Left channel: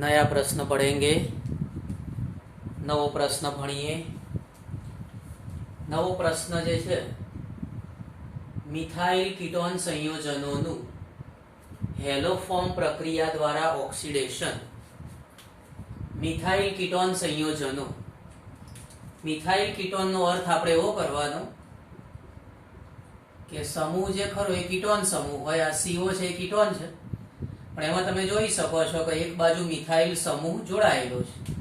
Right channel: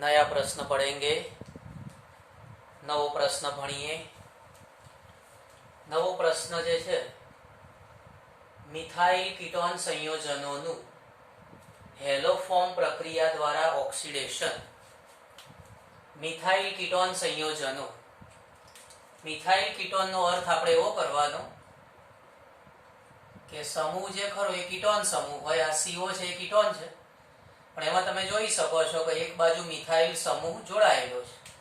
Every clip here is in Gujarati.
नया प्रश्न पढ़ेंगे। नवो प्रश्न भणीए। नवो प्रश्न जे छे मिथाइल कीटोन संयोजनोनु हेलोफॉर्म प्रक्रिया द्वारा ऑक्सीडेशन। मिथाइल कीटोन संयोजनो, मिथाइल कीटोन नो अर्थ आपणे एवो करवानो के समूह जे खरो ए कीटोन समूह होय। आ CO छे ए कीटोन छे, पण एमां तमे जोई शको छो के एक बाजू मिथाइल समूह जोड़ायेलो छे।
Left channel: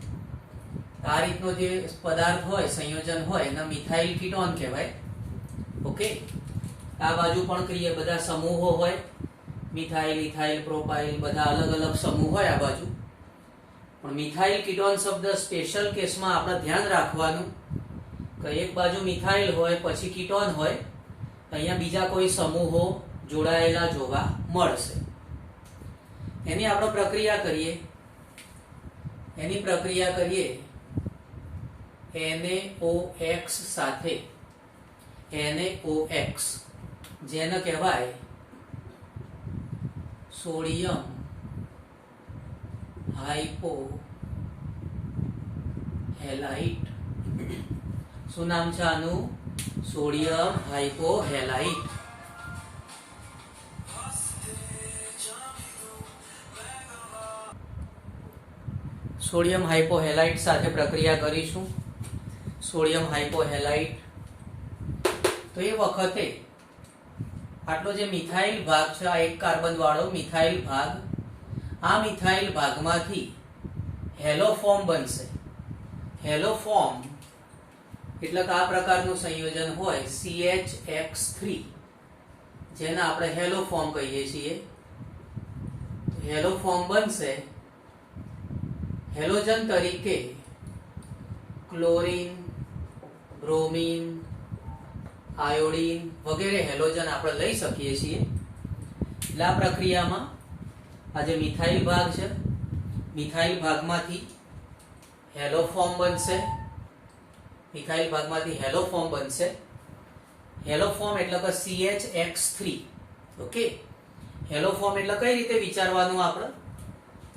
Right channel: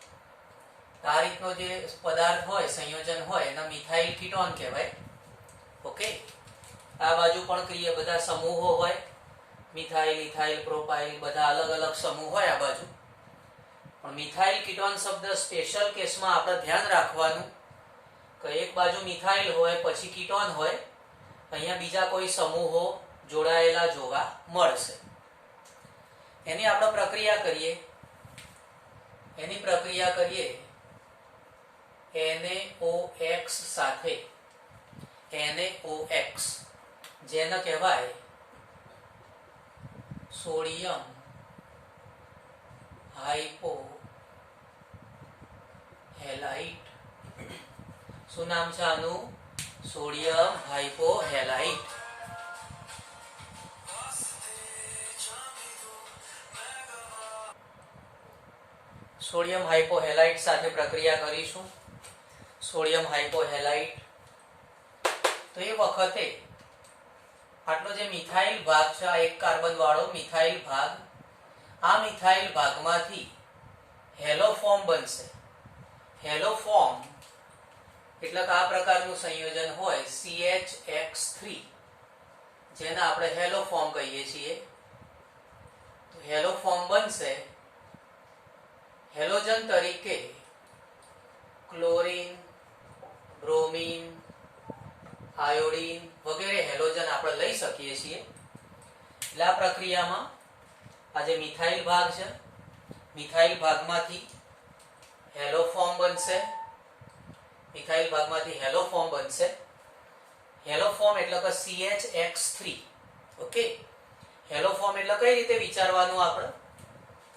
आ रीतनो जे पदार्थ होय, संयोजन होय एना मिथाइल कीटोन कहेवाय। ओके, आ बाजू पण क्रिया बधा समूहो होय, मिथाइल, इथाइल, प्रोपाइल बधा अलग अलग समूह होय आ बाजू। पण मिथाइल कीटोन शब्द स्पेशल केस में आपणे ध्यान राखवानुं के एक बाजू मिथाइल होय पछी कीटोन होय, अहींया बीजा कोई समूहो जोड़ायेला जोवा मळशे। एनी आपणे प्रक्रिया करीए। एनी प्रक्रिया करीए NaOX साथे NaOX जेने कहेवाय सोडियम हाइपो हेलाइट। શું નામ છે આનું? સોડિયમ હાઇપોહેલાઇટ। સોડિયમ હાઇપોહેલાઇટ સાથે પ્રક્રિયા કરીશું। સોડિયમ હાઇપોહેલાઇટ તો એ વખતે આટલો જે મિથાઇલ ભાગ છે, આ એક કાર્બન વાળો મિથાઇલ ભાગ, આ મિથાઇલ ભાગમાંથી હેલોફોર્મ બનશે। હેલોફોર્મ એટલે કે આ પ્રકારનું સંયોજન હોય CHX3 જેને આપણે હેલોફોર્મ કહીએ છીએ। તો હેલોફોર્મ બનશે। હેલોજન તરીકે ક્લોરીન, બ્રોમીન, આયોડીન વગેરે હેલોજન આપણે લઈ શકીએ છીએ। એટલે આ પ્રક્રિયામાં આ જે મિથાઇલ ભાગ છે, મિથાઇલ ભાગમાંથી હેલોફોર્મ બનશે। મિથાઇલ ભાગમાંથી હેલોફોર્મ બનશે। હેલોફોર્મ એટલે કે CHX3। ઓકે, હેલોફોર્મ એટલે કઈ રીતે વિચારવાનું આપણે?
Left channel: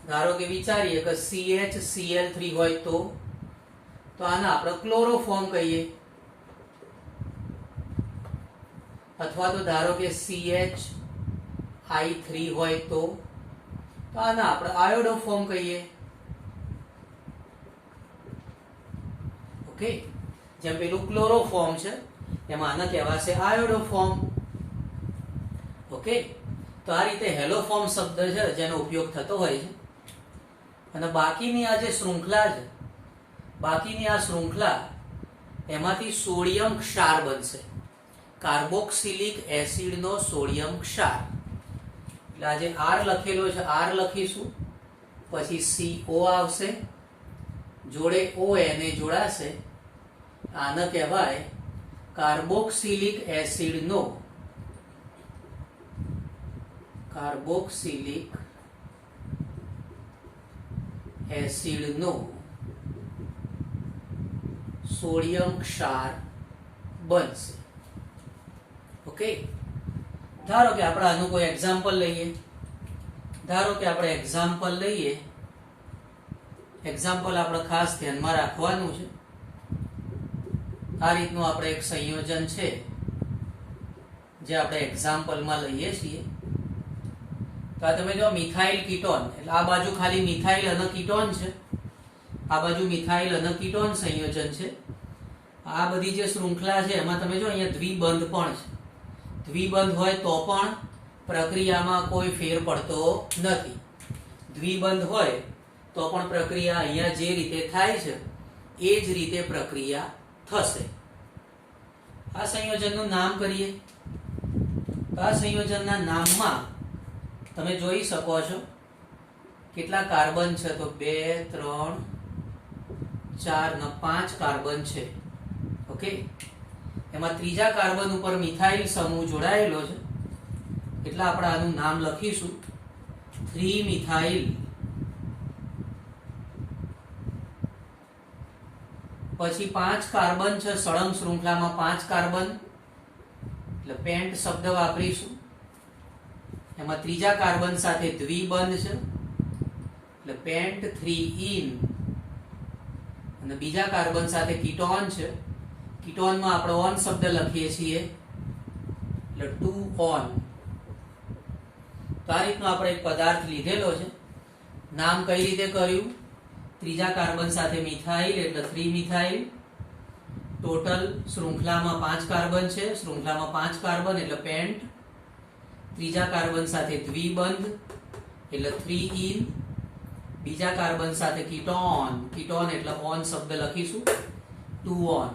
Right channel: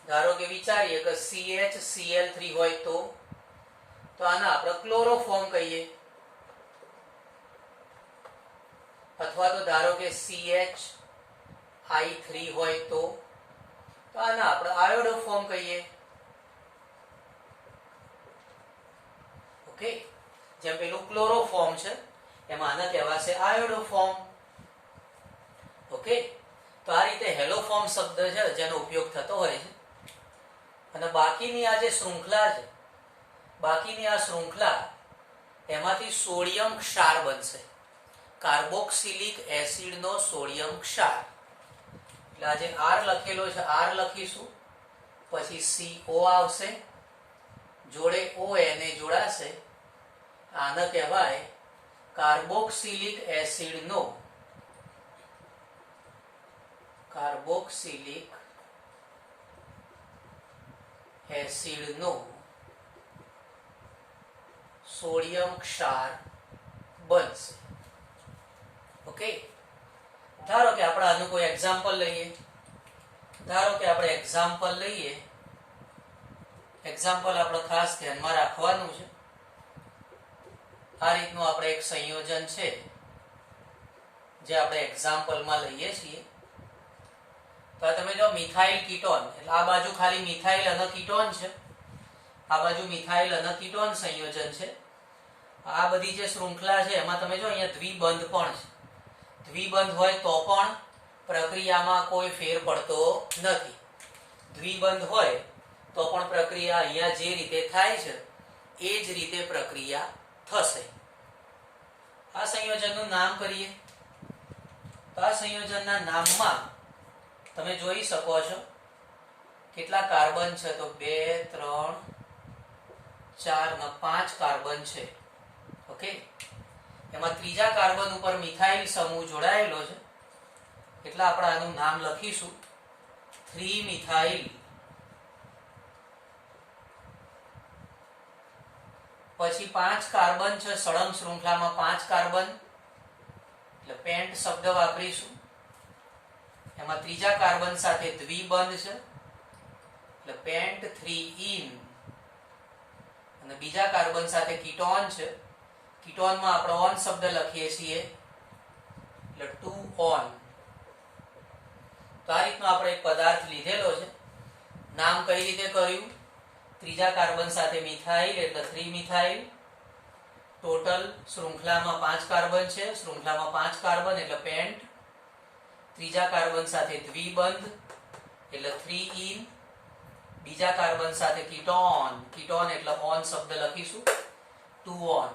ધારો કે વિચારીએ કે CHCl3 હોય તો આને આપણે ક્લોરોફોર્મ કહીએ, અથવા તો ધારો કે CHI3 હોય તો આને આપણે આયોડોફોર્મ કહીએ। ઓકે, જેમ પેલું ક્લોરોફોર્મ છે એમાં આને કહેવાશે આયોડોફોર્મ। ઓકે, તો આ રીતે હેલોફોર્મ શબ્દ છે જેનો ઉપયોગ થતો હોય છે। અને બાકીની આ જે શૃંખલા છે, બાકીની આ શૃંખલા એમાંથી સોડિયમ ક્ષાર બનશે। કાર્બોક્સિલિક એસિડ નો સોડિયમ ક્ષાર। એટલે આ જે R લખેલો છે, R લખીશું, પછી CO આવશે, જોડે ONA જોડાશે, આને કહેવાય કાર્બોક્સિલિક એસિડ નો સોડિયમ ક્ષાર બનશે। ઓકે, ધારો કે આપણે આનું કોઈ એક્ઝામ્પલ લઈએ। ધારો કે આપણે એક્ઝામ્પલ લઈએ। એક્ઝામ્પલ આપણે ખાસ ધ્યાનમાં રાખવાનું છે। આ રીતનું આપણે એક સંયોજન છે જે આપણે એક્ઝામ્પલમાં લઈએ છીએ। તો આ તમે જો મિથાઇલ કીટોન, એટલે આ બાજુ ખાલી મિથાઇલ અને કીટોન છે, આ બાજુ મિથાઇલ અને કીટોન સંયોજન છે। આ બધી જે શૃંખલા છે એમાં તમે જો અહીંયા દ્વિબંધ પણ છે। દ્વિબંધ હોય તો પણ પ્રક્રિયામાં કોઈ ફેર પડતો નથી। દ્વિબંધ હોય તો પણ પ્રક્રિયા અહીંયા જે રીતે થાય છે એ જ રીતે પ્રક્રિયા થશે। આ સંયોજનનું નામ કરીએ તો આ સંયોજનના નામમાં તમે જોઈ શકો છો કેટલા કાર્બન છે, તો 2 3 4 ને 5 કાર્બન છે। ઓકે, એમાં ત્રીજા કાર્બન ઉપર મિથાઇલ સમૂહ જોડાયેલો છે, એટલે આપણે આનું નામ લખીશું 3 મિથાઇલ। પછી 5 કાર્બન છે સળંગ શૃંખલામાં, 5 કાર્બન એટલે પેન્ટ શબ્દ વાપરીશું। એમાં ત્રીજા કાર્બન સાથે દ્વિબંધ છે, એટલે એટલે પેન્ટ 3 ઇન, અને બીજા કાર્બન સાથે કીટોન છે. કીટોનમાં આપણે ઓન શબ્દ લખીએ છીએ એટલે 2 ઓન. તો આ રીતનો આપણે એક પદાર્થ લીધેલો છે. નામ કઈ રીતે કર્યું? ત્રીજા કાર્બન સાથે મિથાઇલ એટલે 3 મિથાઇલ. ટોટલ શૃંખલામાં 5 કાર્બન છે, શૃંખલામાં 5 કાર્બન એટલે પેન્ટ. ત્રીજા કાર્બન સાથે દ્વિબંધ એટલે 3 ઇન. બીજા કાર્બન સાથે કીટોન, કીટોન એટલે ઓન શબ્દ લખીશું 2 ઓન.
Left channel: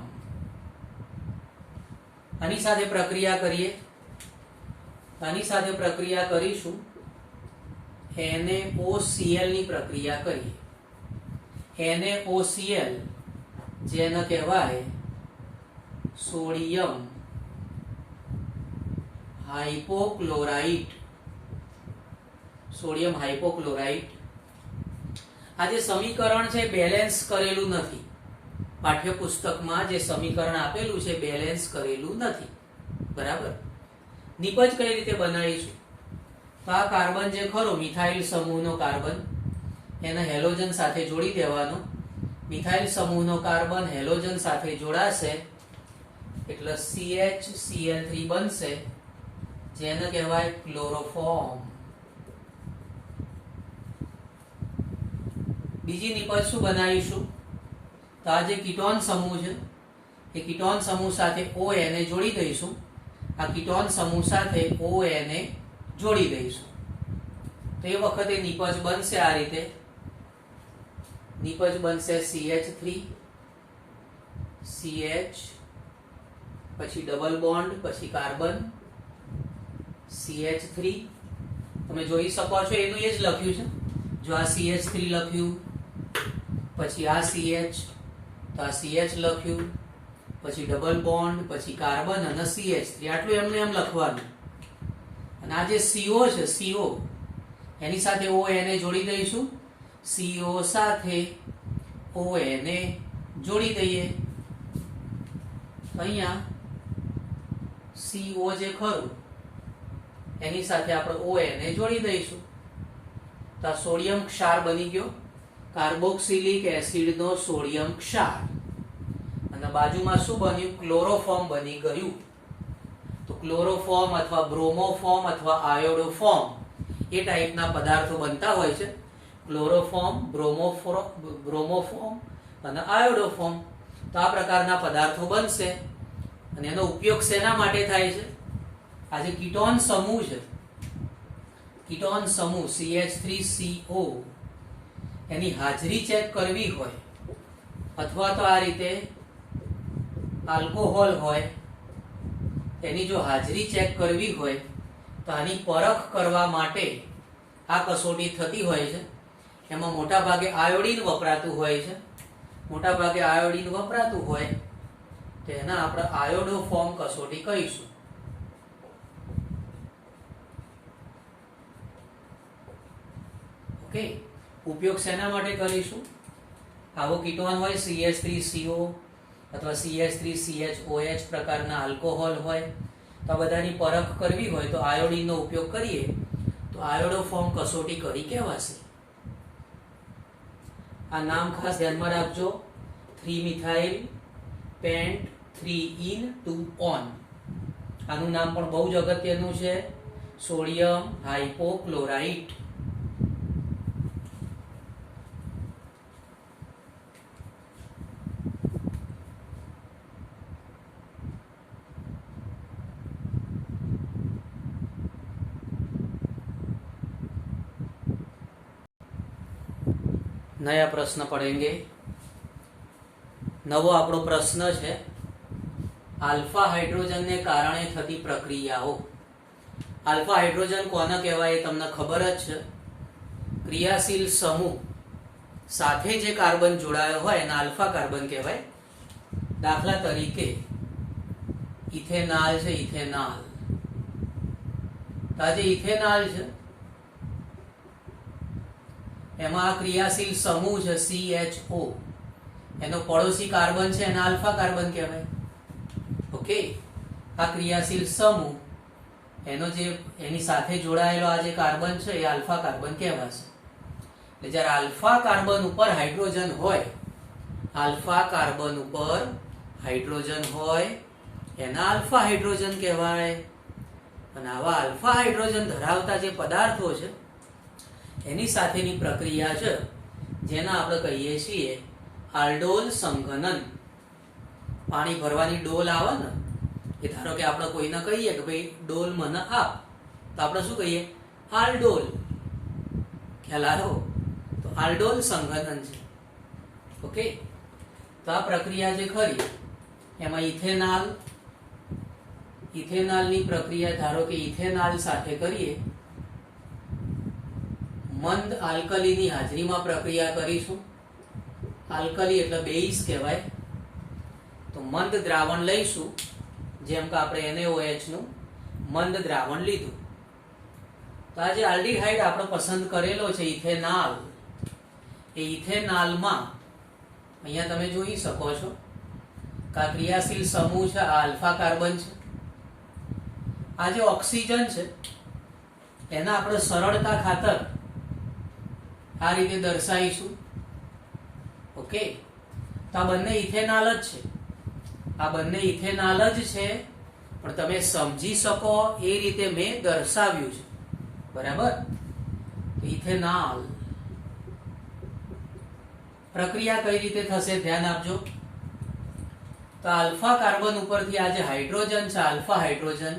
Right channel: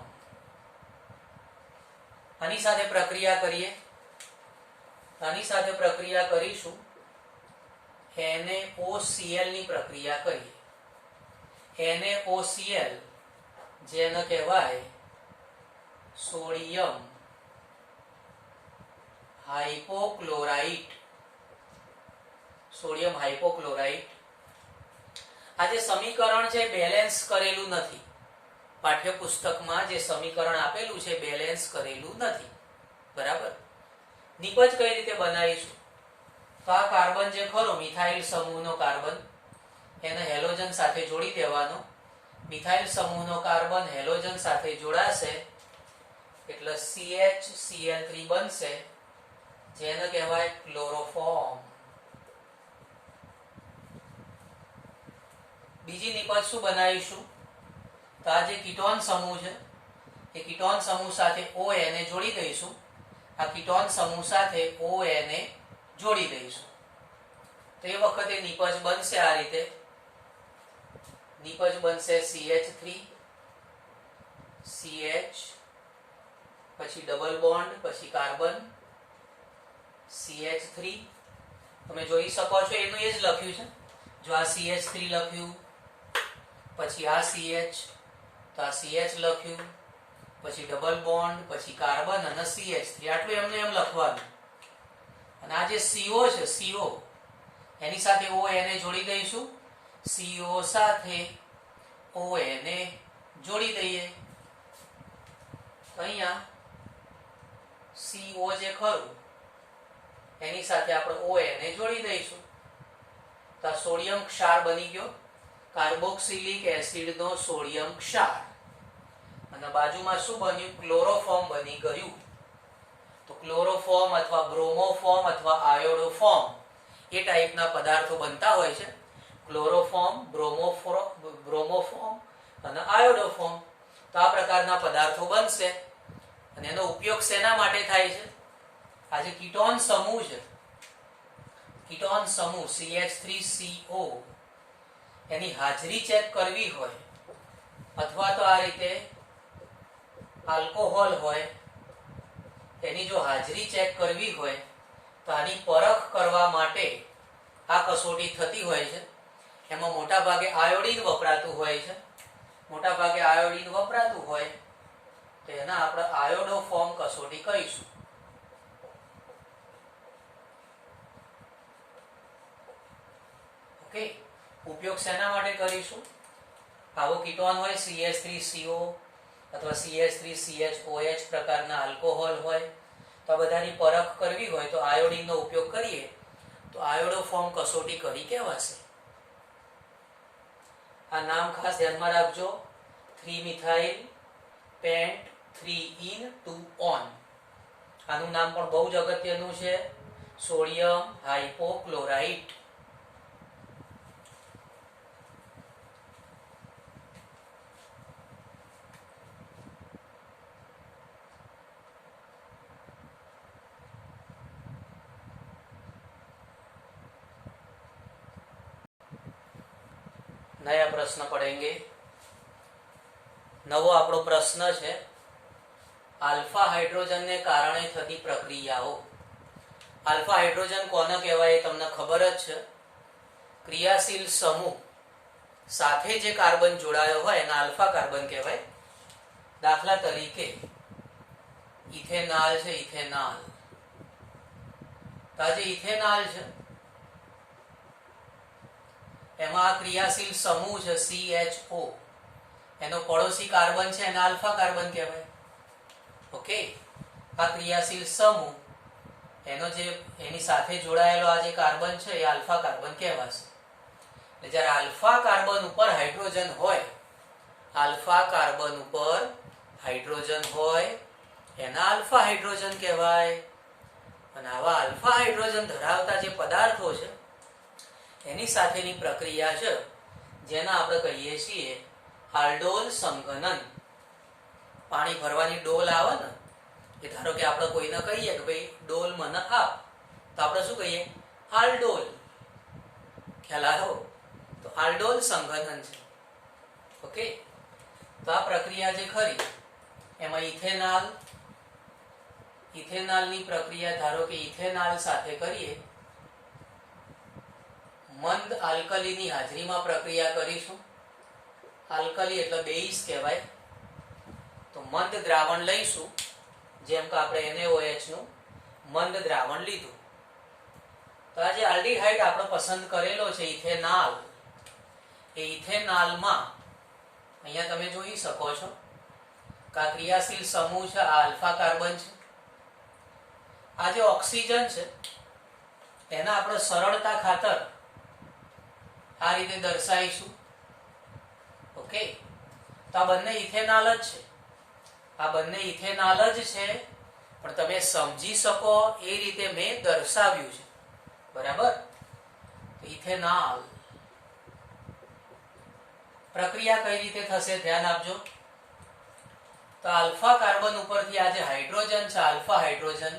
આની સાથે પ્રક્રિયા કરીએ. આની સાથે પ્રક્રિયા કરીશું NaOCl ની પ્રક્રિયા કરીએ. NaOCl જેને કહેવાય સોડિયમ હાઇપોક્લોરાઇટ. સોડિયમ હાઇપોક્લોરાઇટ. આ જે સમીકરણ છે બેલેન્સ કરેલું નથી. પાઠ્યપુસ્તકમાં જે સમીકરણ આપેલું છે બેલેન્સ કરેલું નથી. બરાબર. નિપજ કઈ રીતે બનાવીશું? તો આ કાર્બન જે ખરો મિથાઇલ સમૂહનો કાર્બન, એને હેલોજન સાથે જોડી દેવાનો. મિથાઇલ સમૂહનો કાર્બન હેલોજન સાથે જોડાશે એટલે CHCl3 બનશે, જેને કહેવાય ક્લોરોફોર્મ. બીજી નિપજ શું બનાવીશું? તો આ જે કીટોન સમૂહ છે એ કીટોન સમૂહ સાથે ONA જોડી દઈશું. આ કીટોન સમૂહ સાથે ONA જોડી દઈશું. તો એ વખતે નિપજ બનશે આ રીતે. નિપજ બનશે CH3 CH, પછી ડબલ બોન્ડ, પછી કાર્બન CH3. તમે જોઈ શકો છો એનું એ જ લખ્યું છે. જો આ CH3 લખ્યું, પછી આ CH, તો આ CH લખ્યું, પછી ડબલ બોન્ડ, પછી કાર્બન અને CH3. આટલું એમને એમ લખવાનું. અને આ જે CO છે, CO એની સાથે ONA જોડી દઈશું. CO સાથે ONA જોડી દઈએ. અહીંયા CO જે ખરું એની સાથે આપણે ONA જોડી દઈશું. તો આ સોડિયમ ક્ષાર બની ગયો, કાર્બોક્સિલિક એસિડનો સોડિયમ ક્ષાર. અને બાજુમાં શું બન્યું? ક્લોરોફોર્મ બની ગયું. તો ક્લોરોફોર્મ અથવા બ્રોમોફોર્મ અથવા આયોડોફોર્મ એ ટાઈપના પદાર્થો બનતા હોય છે. ક્લોરોફોર્મ, બ્રોમોફોર્મ અને આયોડોફોર્મ. તો આ પ્રકારના પદાર્થો બનશે. અને એનો ઉપયોગ શેના માટે થાય છે? આ જે કીટોન સમૂહ છે, કીટોન સમૂહ CH3CO, એની હાજરી ચેક કરવી હોય, અથવા તો આ રીતે આલ્કોહોલ હોય એની જો હાજરી ચેક કરવી હોય તો આની પરખ કરવા માટે આ કસોટી થતી હોય છે. એમાં મોટા ભાગે આયોડીન વપરાતું હોય છે. મોટા ભાગે આયોડીન વપરાતું હોય તો એના આપણે આયોડોફોર્મ કસોટી કહીશું. ઓકે. ઉપયોગ શેના માટે કરીશું? આવો કીટોન હોય CH3CO અથવા CH3CHOH પ્રકારના આલ્કોહોલ હોય, તો આ બધાની પરખ કરવી હોય તો આયોડીનનો ઉપયોગ કરીએ તો આયોડોફોર્મ કસોટી કરી કહેવાશે. આ નામ ખાસ ધ્યાનમાં રાખજો. 3 મિથાઇલ પેન્ટ 3 ઇન 2 ઓન. આનું નામ પણ બહુ જ અગત્યનું છે, સોડિયમ હાઇપોક્લોરાઇટ. नया प्रश्न पढ़ेंगे. नवो आपणो प्रश्न है आल्फा हाइड्रोजन ने कारणे थती प्रक्रियाओ. आल्फा हाइड्रोजन कोने कहेवाय तमने खबर ज छे. क्रियाशील समूह साथे जे कार्बन जोड़ायो होय एने आल्फा कार्बन कहेवाय. दाखला तरीके इथेनॉल छे, इथेनॉल. तो जे इथेनॉल छे एमां क्रियाशील समूह है CHO, एनो पड़ोसी कार्बन है एने अल्फा कार्बन कहेवाय. ओके. आ क्रियाशील समूह एनो जे एनी साथे जोड़ायेलो आ जे कार्बन है ए अल्फा कार्बन कहेवाशे. એટલે જ્યારે આલ્ફા કાર્બન ઉપર હાઇડ્રોજન હોય, આલ્ફા કાર્બન ઉપર હાઇડ્રોજન હોય એના આલ્ફા હાઇડ્રોજન કહેવાય. અને આવા આલ્ફા હાઇડ્રોજન ધરાવતા જે પદાર્થો છે એની સાથેની પ્રક્રિયા છે જેને આપણે કહીએ છીએ આલ્ડોલ સંઘનન. પાણી ભરવાની ડોલ આવે ને, એ ધારો કે આપણે કોઈને કહીએ કે ભાઈ ડોલ મને આપ, તો આપણે શું કહીએ? આલ્ડોલ. ખ્યાલ આવ્યો? તો આલ્ડોલ સંઘનન છે. ઓકે, તો આ પ્રક્રિયા જે ખરી એમાં ઇથેનોલની પ્રક્રિયા ધારો કે ઇથેનોલ સાથે કરીએ, મંદ આલ્કલીની હાજરીમાં પ્રક્રિયા કરીશું. આલ્કલી એટલે બેઝ કહેવાય. તો મંદ દ્રાવણ લઈશું, જેમ કે આપણે NaOH નું મંદ દ્રાવણ લીધું. તો આ જે આલ્ડીહાઇડ આપણે પસંદ કરેલો છે ઇથેનોલ, એ ઇથેનોલમાં અહીંયા તમે જોઈ શકો છો કે આ ક્રિયાશીલ સમૂહ છે, આ આલ્ફા કાર્બન છે. આ જે ઓક્સિજન છે એના આપણે સરળતા ખાતર આ રીતે દર્શાવીશું. ઓકે, તો આ બંને ઇથેનોલ જ છે, આ બંને ઇથેનોલ જ છે, પણ તમે સમજી શકો એ રીતે મેં દર્શાવ્યું છે. બરાબર? ઇથેનોલ પ્રક્રિયા કઈ રીતે થશે ધ્યાન આપજો. તો આલ્ફા કાર્બન ઉપરથી આ જે હાઇડ્રોજન છે, આલ્ફા હાઇડ્રોજન,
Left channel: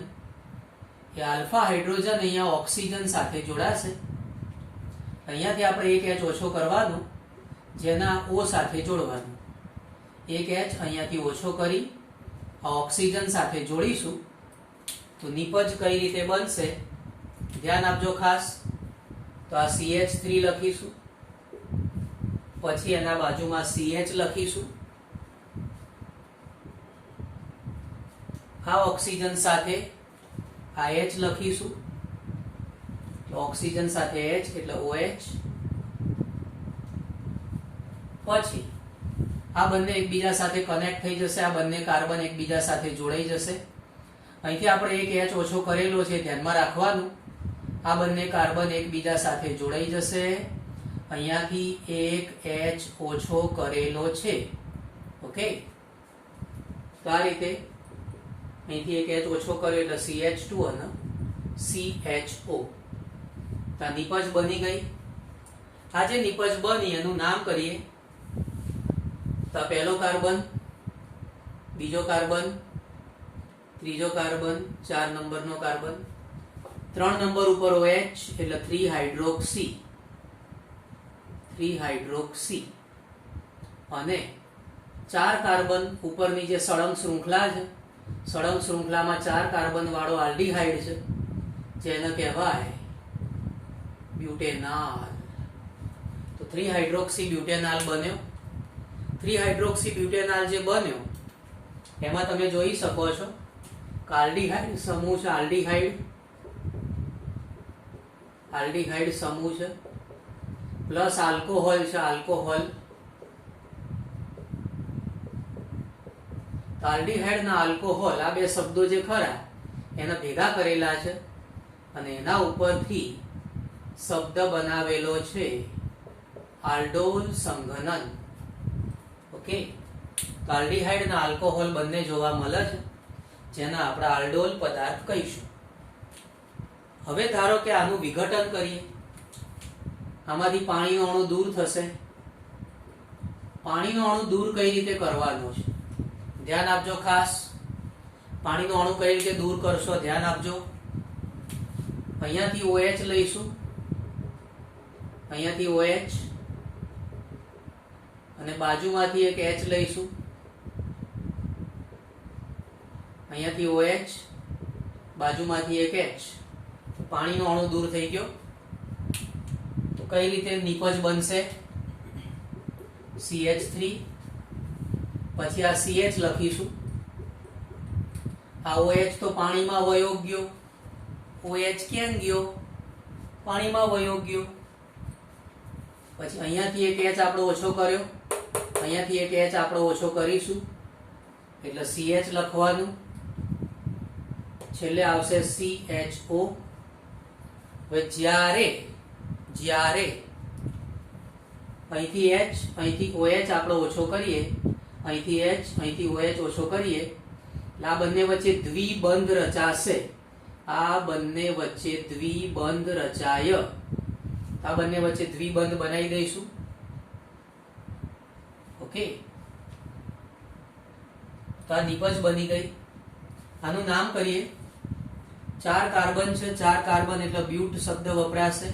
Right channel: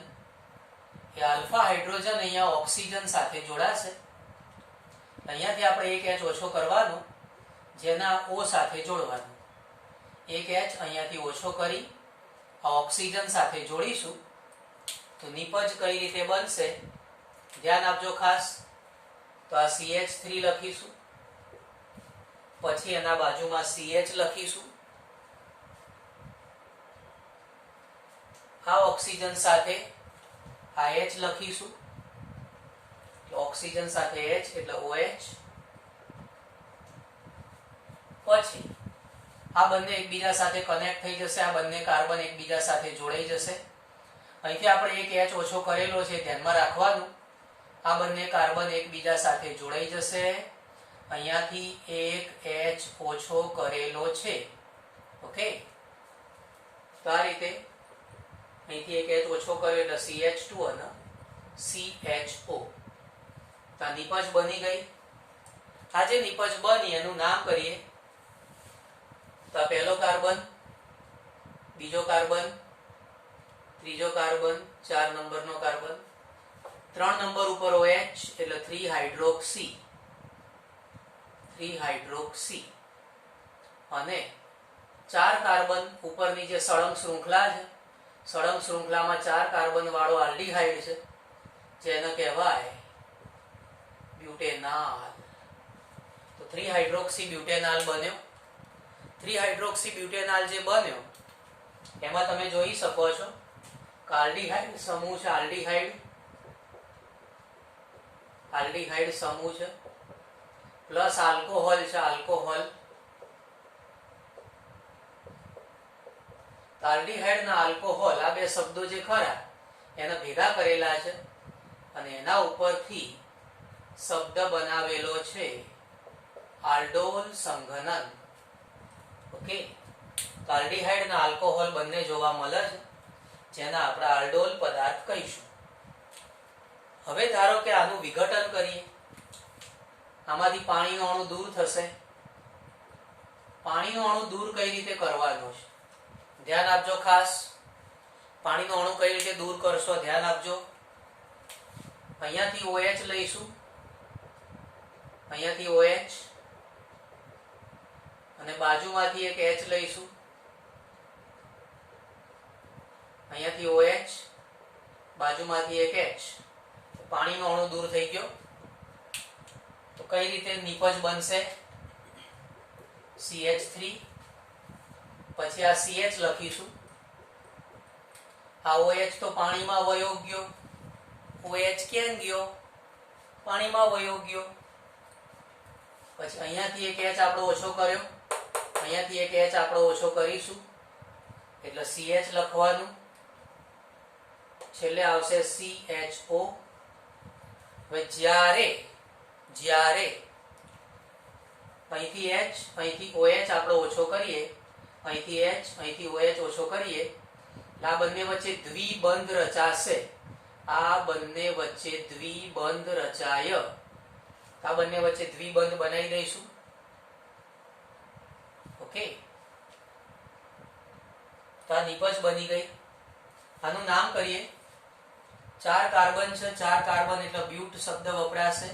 એ આલ્ફા હાઇડ્રોજન અહીંયા ઓક્સિજન સાથે જોડાશે. અહીંયાથી આપણે એક H ઓછો કરવાનો, જેના O સાથે જોડવાનું. એક H અહીંયાથી ઓછો કરી આ ઓક્સિજન સાથે જોડીશું તો નિપજ કઈ રીતે બનશે ધ્યાન આપજો ખાસ. તો આ CH3 લખીશું, પછી એના બાજુમાં CH લખીશું. આ ઓક્સિજન સાથે આ H લખીશું, ઓક્સિજન સાથે H એટલે OH. પછી આ બંને એકબીજા સાથે કનેક્ટ થઈ જશે, આ બંને કાર્બન એકબીજા સાથે જોડાઈ જશે. અહીંથી આપણે એક H ઓછો કરેલો છે, ધ્યાનમાં રાખવાનું. આ બંને કાર્બન એકબીજા સાથે જોડાઈ જશે. અહીંયાથી એક H ઓછો કરેલો છે. ઓકે, તો આ રીતે અહીંથી એક H ઓછો કર્યો એટલે CH2 અને CHO. તો આ નિપજ બની ગઈ. આ જે નિપજ બની એનું નામ કરીએ તો પહેલો કાર્બન, બીજો કાર્બન, ત્રીજો કાર્બન, 4 નંબરનો કાર્બન, 3 નંબર ઉપર OH એટલે 3 હાઇડ્રોક્સી, 3 હાઇડ્રોક્સી. અને 4 કાર્બન ઉપરની જે સળંગ શૃંખલા છે, સળંગ શૃંખલામાં 4 કાર્બન વાળો આલ્ડીહાઇડ છે, જેને કહેવાય બ્યુટેનોલ. તો 3 હાઇડ્રોક્સી બ્યુટેનોલ બન્યો. 3 હાઇડ્રોક્સી બ્યુટેનોલ જે બન્યો એમાં તમે જોઈ શકો છો કે આલ્ડીહાઇડ સમૂહ છે, આલ્ડીહાઇડ સમૂહ છે, પ્લસ આલ્કોહોલ છે, આલ્કોહોલ. આલ્ડીહાઇડ ના આલ્કોહોલ આ બે શબ્દો જે ખરા એને ભેગા કરેલા છે અને એના ઉપરથી શબ્દ બનાવેલો છે આલ્ડોલ સંઘનન. ઓકે, તો આલ્ડીહાઇડ અને આલ્કોહોલ બંને જોવા મળે છે, જેના આપણે આલ્ડોલ પદાર્થ કહીશું. હવે ધારો કે આનું વિઘટન કરીએ, આમાંથી પાણીનો અણુ દૂર થશે. પાણીનો અણુ દૂર કઈ રીતે કરવાનો છે ધ્યાન આપજો ખાસ. પાણીનો અણુ કઈ રીતે દૂર કરશો ધ્યાન આપજો. અહીંયાથી OH લઈશું, અહીંયાથી OH અને બાજુમાંથી એક H લઈશું, અહીંયાથી OH, બાજુમાંથી એક H. પાણીનો અણુ દૂર થઈ ગયો. તો કઈ રીતે નિપજ બનશે? CH3, પછી આ CH લખીશું. આ OH તો પાણીમાં વયો ગયો, OH ક્યાં ગયો? પાણીમાં વયો ગયો. પછી અહીંયાથી એક H આપણે ઓછો કર્યો, અહીંયાથી એક H આપણે ઓછો કરીશું એટલે CH લખવાનું, છેલ્લે આવશે CHO. હવે જ્યારે અહીંથી H, અહીંથી OH આપણે ઓછો કરીએ, અહીંથી H, અહીંથી OH ઓછો કરીએ, આ બંને વચ્ચે દ્વિબંધ રચાશે. આ બંને વચ્ચે દ્વિબંધ રચાય. આ બંને વચ્ચે દ્વિબંધ બનાવી દઈશું. ઓકે, તો આ નિપજ બની ગઈ. આનું નામ કરીએ. 4 કાર્બન છે, 4 કાર્બન એટલે બ્યુટ શબ્દ વપરાશે.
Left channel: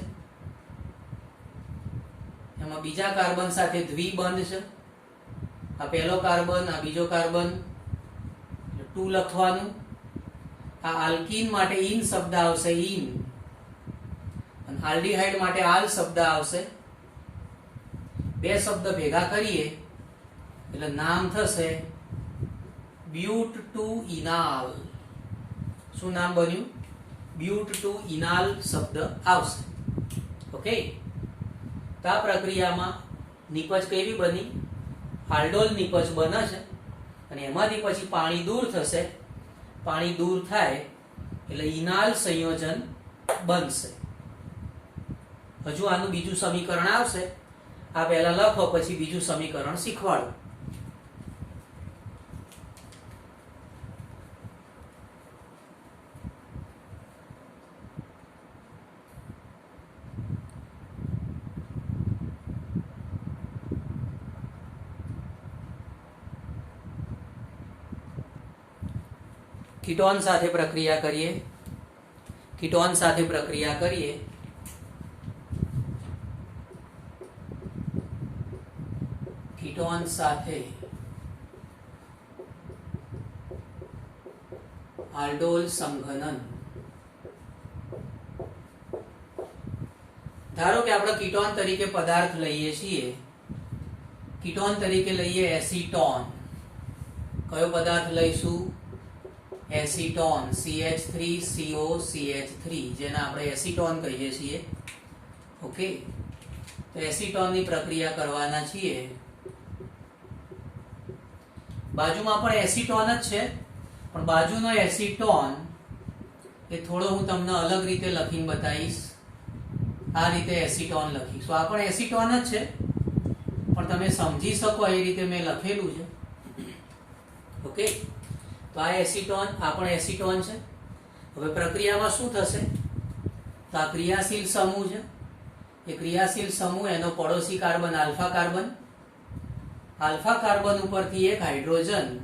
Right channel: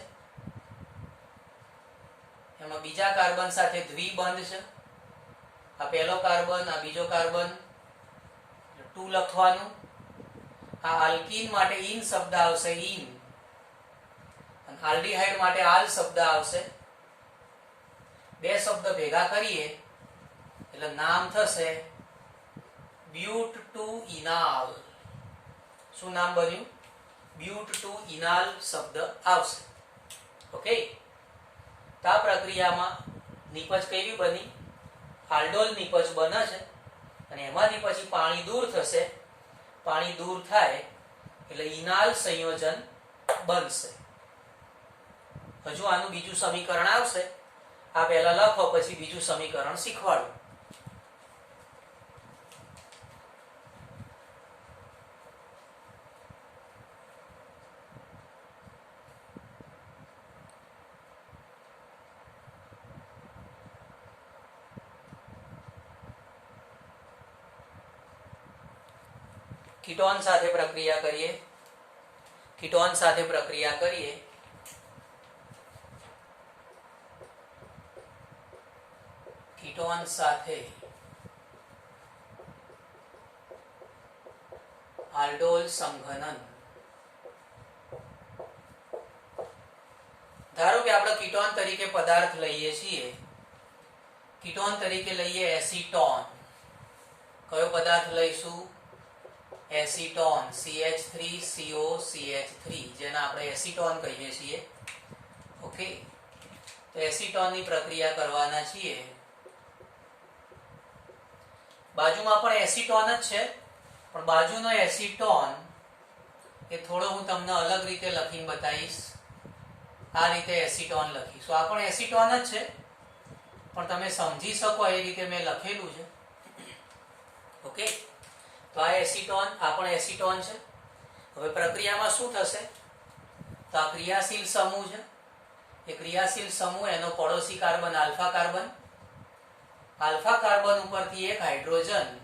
એમાં બીજા કાર્બન સાથે દ્વિબંધ છે. આ પહેલો કાર્બન, આ બીજો કાર્બન, 2 લખવાનું. આ આલ્કીન માટે ઇન શબ્દ આવશે, ઇન. અને આલ્ડીહાઇડ માટે આલ શબ્દ આવશે. બે શબ્દ ભેગા કરીએ એટલે નામ થશે બ્યુટ ટુ ઇનાલ. શું નામ બન્યું? બ્યુટ ટુ ઇનાલ શબ્દ આવશે. ઓકે, તો આ પ્રક્રિયામાં નિપજ કેવી બની? આલ્ડોલ નિપજ બને છે. અને એમાંથી પછી પાણી દૂર થશે. પાણી દૂર થાય એટલે ઇનાલ સંયોજન બનશે. હજુ આનું બીજું સમીકરણ આવશે. આ પહેલા લખો, પછી બીજું સમીકરણ શીખવાડો. કીટોન સાથે પ્રક્રિયા કરીએ. કીટોન સાથે પ્રક્રિયા કરીએ. કીટોન સાથે આલ્ડોલ સંઘનન. ધારો કે આપણે કીટોન તરીકે પદાર્થ લઈએ છીએ. કીટોન તરીકે લઈએ એસીટોન. કયો પદાર્થ લઈશું? એસીટોન, CH3COCH3, જેને આપણે એસીટોન કહીએ છીએ. ઓકે, તો એસીટોનની પ્રક્રિયા કરવાના છીએ. બાજુમાં પણ એસીટોન જ છે, પણ બાજુનો એસીટોન એ થોડો હું તમને અલગ રીતે લખીને બતાવીશ. આ રીતે એસીટોન લખીશું. આ પણ એસીટોન જ છે, પણ તમે સમજી શકો એ રીતે મેં લખેલું છે. ઓકે, તો આ એસીટોન, આ પણ એસીટોન છે. હવે પ્રક્રિયામાં શું થશે? તો આ ક્રિયાશીલ સમૂહ છે. એ ક્રિયાશીલ સમૂહ, એનો પડોશી carbon alpha carbon. Alpha carbon ઉપરથી એક હાઇડ્રોજન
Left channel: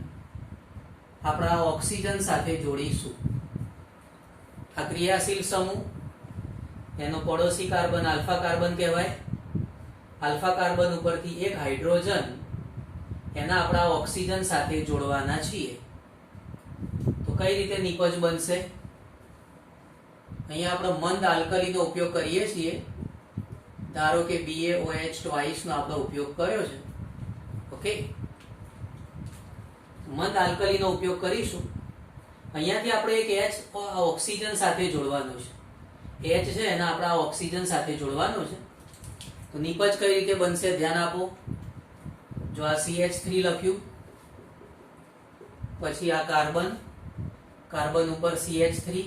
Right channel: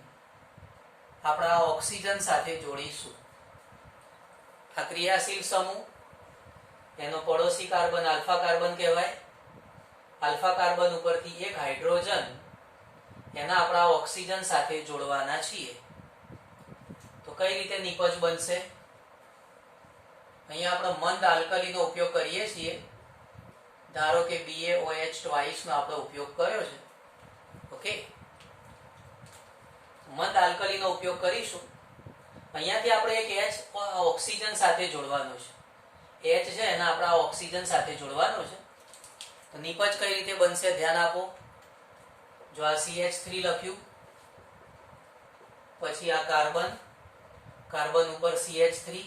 આપણા ઓક્સિજન સાથે જોડીશું. આ ક્રિયાશીલ સમૂહ, એનો પડોશી કાર્બન આલ્ફા કાર્બન કહેવાય. આલ્ફા કાર્બન ઉપરથી એક હાઇડ્રોજન એના આપણા ઓક્સિજન સાથે જોડવાના છીએ. તો કઈ રીતે નિપજ બનશે? અહીંયા આપણે મંદ આલ્કલીનો ઉપયોગ કરીએ છીએ. ધારો કે BaOH ટ્વાઇસ નો આપણે ઉપયોગ કર્યો છે. ઓકે, મંદ આલ્કલીનો ઉપયોગ કરીશું. અહીંયાથી આપણે એક H ઓક્સિજન સાથે જોડવાનું છે. H છે એને આપણે ઓક્સિજન સાથે જોડવાનું છે. તો નિપજ કઈ રીતે બનશે? ધ્યાન આપો. જો આ CH3 લખ્યું, પછી આ કાર્બન, કાર્બન ઉપર CH3,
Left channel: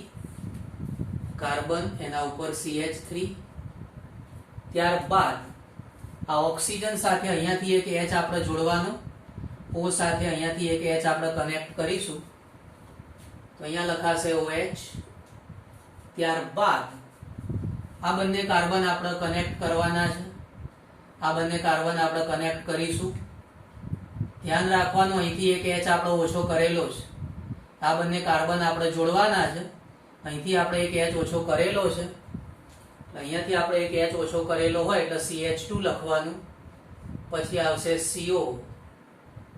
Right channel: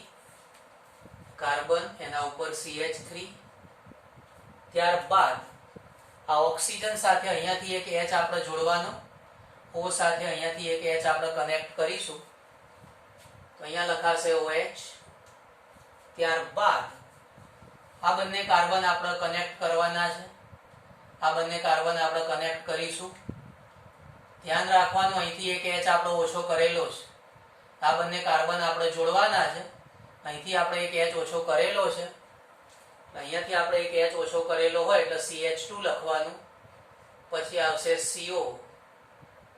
કાર્બન એના ઉપર CH3, ત્યારબાદ આ ઓક્સિજન સાથે અહીંયાથી એક H આપણે જોડવાનો. O સાથે અહીંયાથી એક H આપણે કનેક્ટ કરીશું. તો અહીંયા લખાશે OH. ત્યારબાદ આ બંને કાર્બન આપણે કનેક્ટ કરવાના છે. આ બંને કાર્બન આપણે કનેક્ટ કરીશું. ધ્યાન રાખવાનું, અહીંથી એક H આપણે ઓછો કરેલો છે. આ બંને કાર્બન આપણે જોડવાના છે. અહીંથી આપણે એક H ઓછો કરેલો છે. અહીંયાથી આપણે એક H ઓછો કરેલો હોય એટલે CH2 લખવાનું. પછી આવશે CO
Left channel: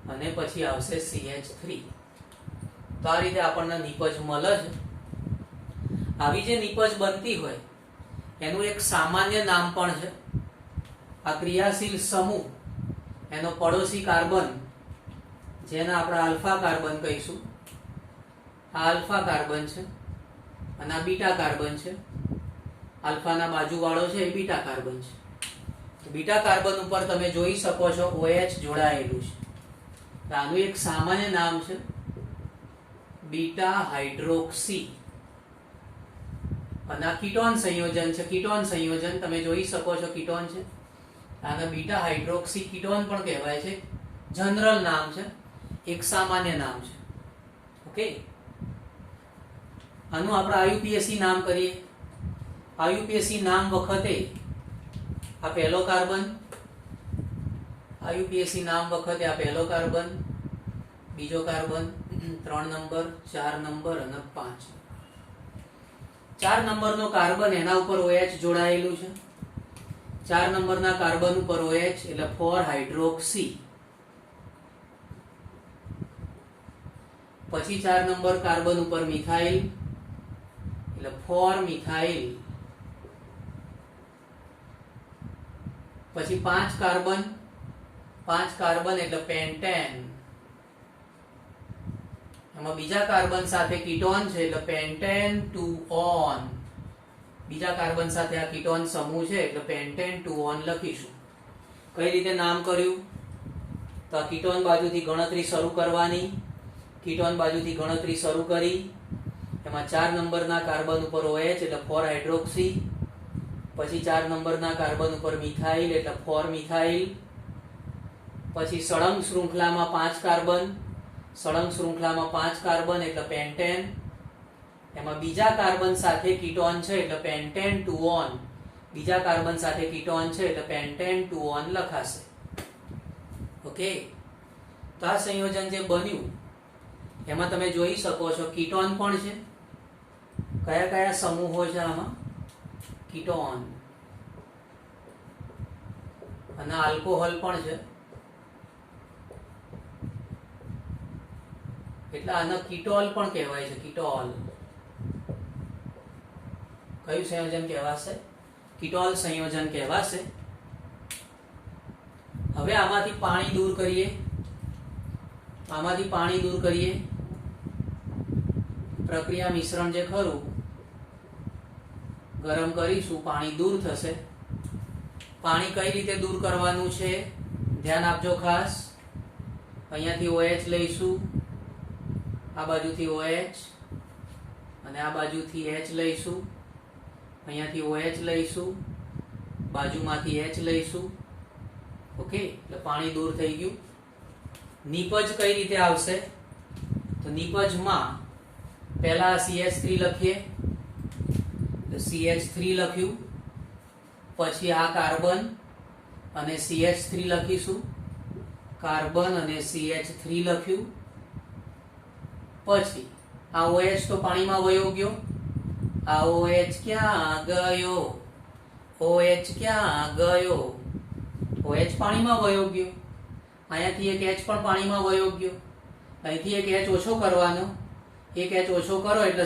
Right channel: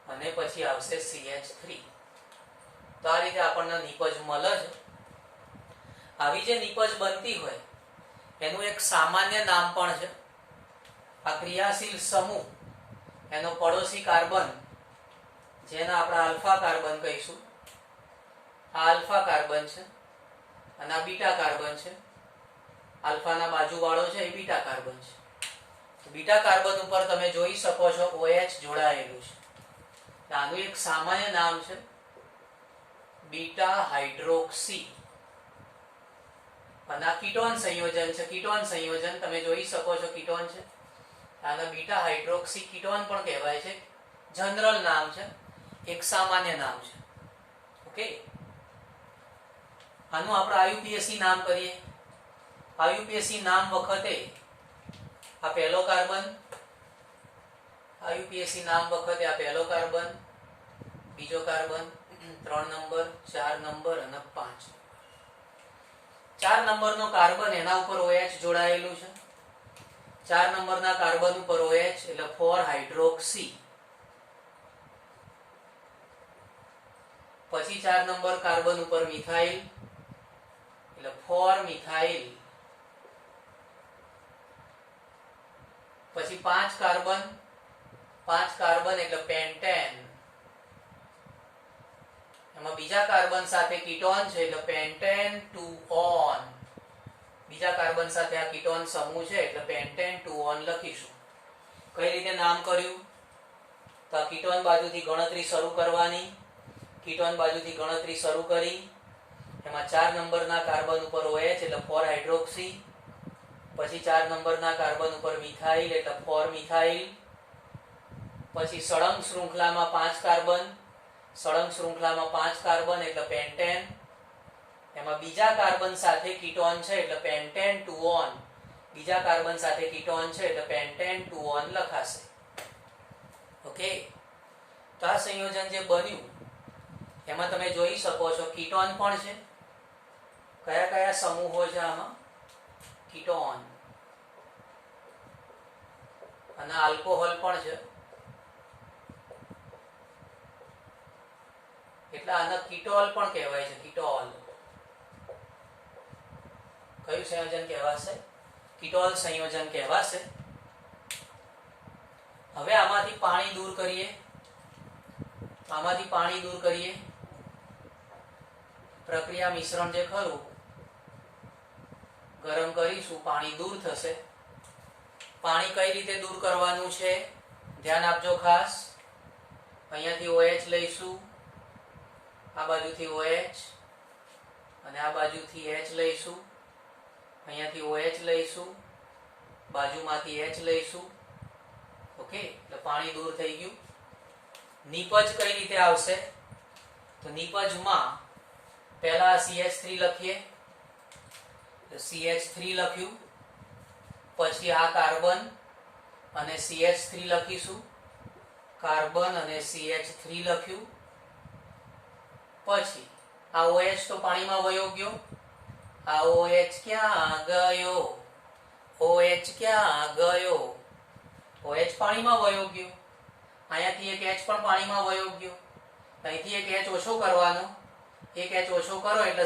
અને પછી આવશે CH3. તો આ રીતે આપણને નિપજ મળે છે. આવી જે નિપજ બનતી હોય એનું એક સામાન્ય નામ પણ છે. આ ક્રિયાશીલ સમૂહ, એનો પડોશી કાર્બન, જેને આપણે આલ્ફા કાર્બન કહીશું. આ આલ્ફા કાર્બન છે અને આ બીટા કાર્બન છે. આલ્ફાના બાજુવાળો છે એ બીટા કાર્બન છે. બીટા કાર્બન ઉપર તમે જોઈ શકો છો OH જોડાયેલું છે. આનું એક સામાન્ય નામ છે બીટા હાઇડ્રોક્સી. અને આ કીટોન સંયોજન છે. કીટોન સંયોજન તમે જોઈ શકો છો, કીટોન છે. આને બીટા હાઇડ્રોક્સી કીટોન પણ કહેવાય છે. જનરલ નામ છે, એક સામાન્ય નામ છે. ઓકે, આનું આપણે આયુપીએસી નામ કરીએ. આયુપીએસી નામ વખતે આ પહેલો કાર્બન, આયુપીએસી નામ વખતે આ પહેલો કાર્બન, બીજો કાર્બન, 3 નંબર, 4 નંબર અને 5. 4 નંબરનો કાર્બન એના ઉપર OH જોડાયેલું છે. 4 નંબરના કાર્બન ઉપર OH એટલે 4 હાઇડ્રોક્સી. પછી 4 નંબર કાર્બન ઉપર મિથાઇલ એટલે 4 મિથાઇલ. પછી 5 કાર્બન એટલે પેન્ટેન. એમાં બીજા કાર્બન સાથે કીટોન છે એટલે પેન્ટેન 2-on. બીજા કાર્બન સાથે આ કીટોન સમૂહ છે એટલે પેન્ટેન 2-on લખીશું. કઈ રીતે નામ કર્યું? તો આ કીટોન બાજુથી ગણતરી શરૂ કરવાની. કીટોન બાજુથી ગણતરી શરૂ કરી. એમાં 4 નંબરના કાર્બન ઉપર OH એટલે 4 હાઇડ્રોક્સી. પછી 4 નંબરના કાર્બન ઉપર મિથાઇલ એટલે 4 મિથાઇલ. પછી સળંગ શૃંખલામાં 5 કાર્બન, સળંગ શૃંખલામાં 5 કાર્બન એટલે પેન્ટેન. એમાં બીજા કાર્બન સાથે કીટોન છે એટલે પેન્ટેન 2-on. બીજા કાર્બન સાથે કીટોન છે એટલે પેન્ટેન 2-on લખાશે. ઓકે, તો આ સંયોજન જે બન્યું એમાં તમે જોઈ શકો છો કીટોન પણ છે. કયા કયા સમૂહો છે આમાં? કીટોન અને આલ્કોહોલ પણ છે. એટલે આને કીટોલ પણ કહેવાય છે. કીટોલ કયું સંયોજન કહેવાશે? કીટોલ સંયોજન કહેવાશે. હવે આમાંથી પાણી દૂર કરીએ. આમાંથી પાણી દૂર કરીએ. પ્રક્રિયા મિશ્રણ જે ખરું ગરમ કરીશું, પાણી દૂર થશે. પાણી કઈ રીતે દૂર કરવાનું છે ધ્યાન આપજો ખાસ. અહીંયાથી OH લઈશું, આ બાજુથી OH અને આ બાજુથી H લઈશું. અહીંયાથી OH લઈશું, બાજુમાંથી H લઈશું. ઓકે, એટલે પાણી દૂર થઈ ગયું. નીપજ કઈ રીતે આવશે? તો નીપજમાં પહેલા CH3 લખીએ. તો CH3 લખ્યું. પછી આ કાર્બન અને CH3 લખીશું. કાર્બન અને CH3 લખ્યું. પછી આ OH તો પાણીમાં વયો ગયો. આ OH ક્યાં ગયો? OH ક્યાં ગયો? OH પાણીમાં વયો ગયો. અહીંયાથી એક H પણ પાણીમાં વયો ગયો. અહીંથી એક H ઓછો કરવાનો. એક H ઓછો કરો એટલે